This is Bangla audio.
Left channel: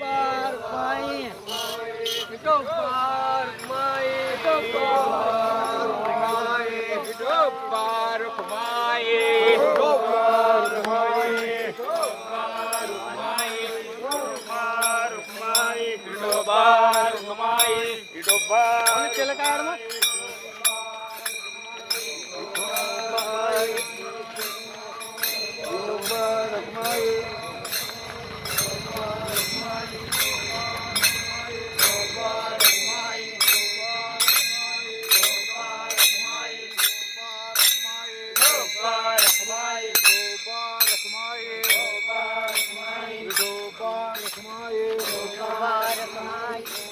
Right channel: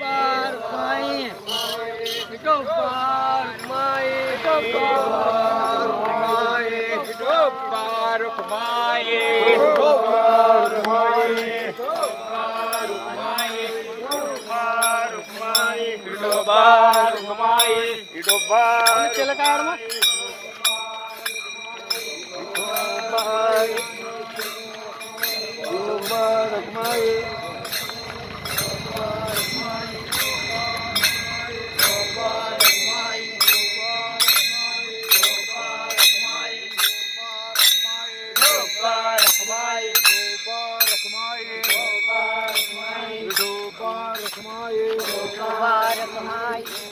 পার মায়ের হেঁটো পার মায়ের হেঁটো পার মায়ের হেঁটো পার মায়ের হেঁটো পার মায়ের ఇడోబార్ కుమాయి ఇడోబార్ చెలకాడమా Come on, you. Come on.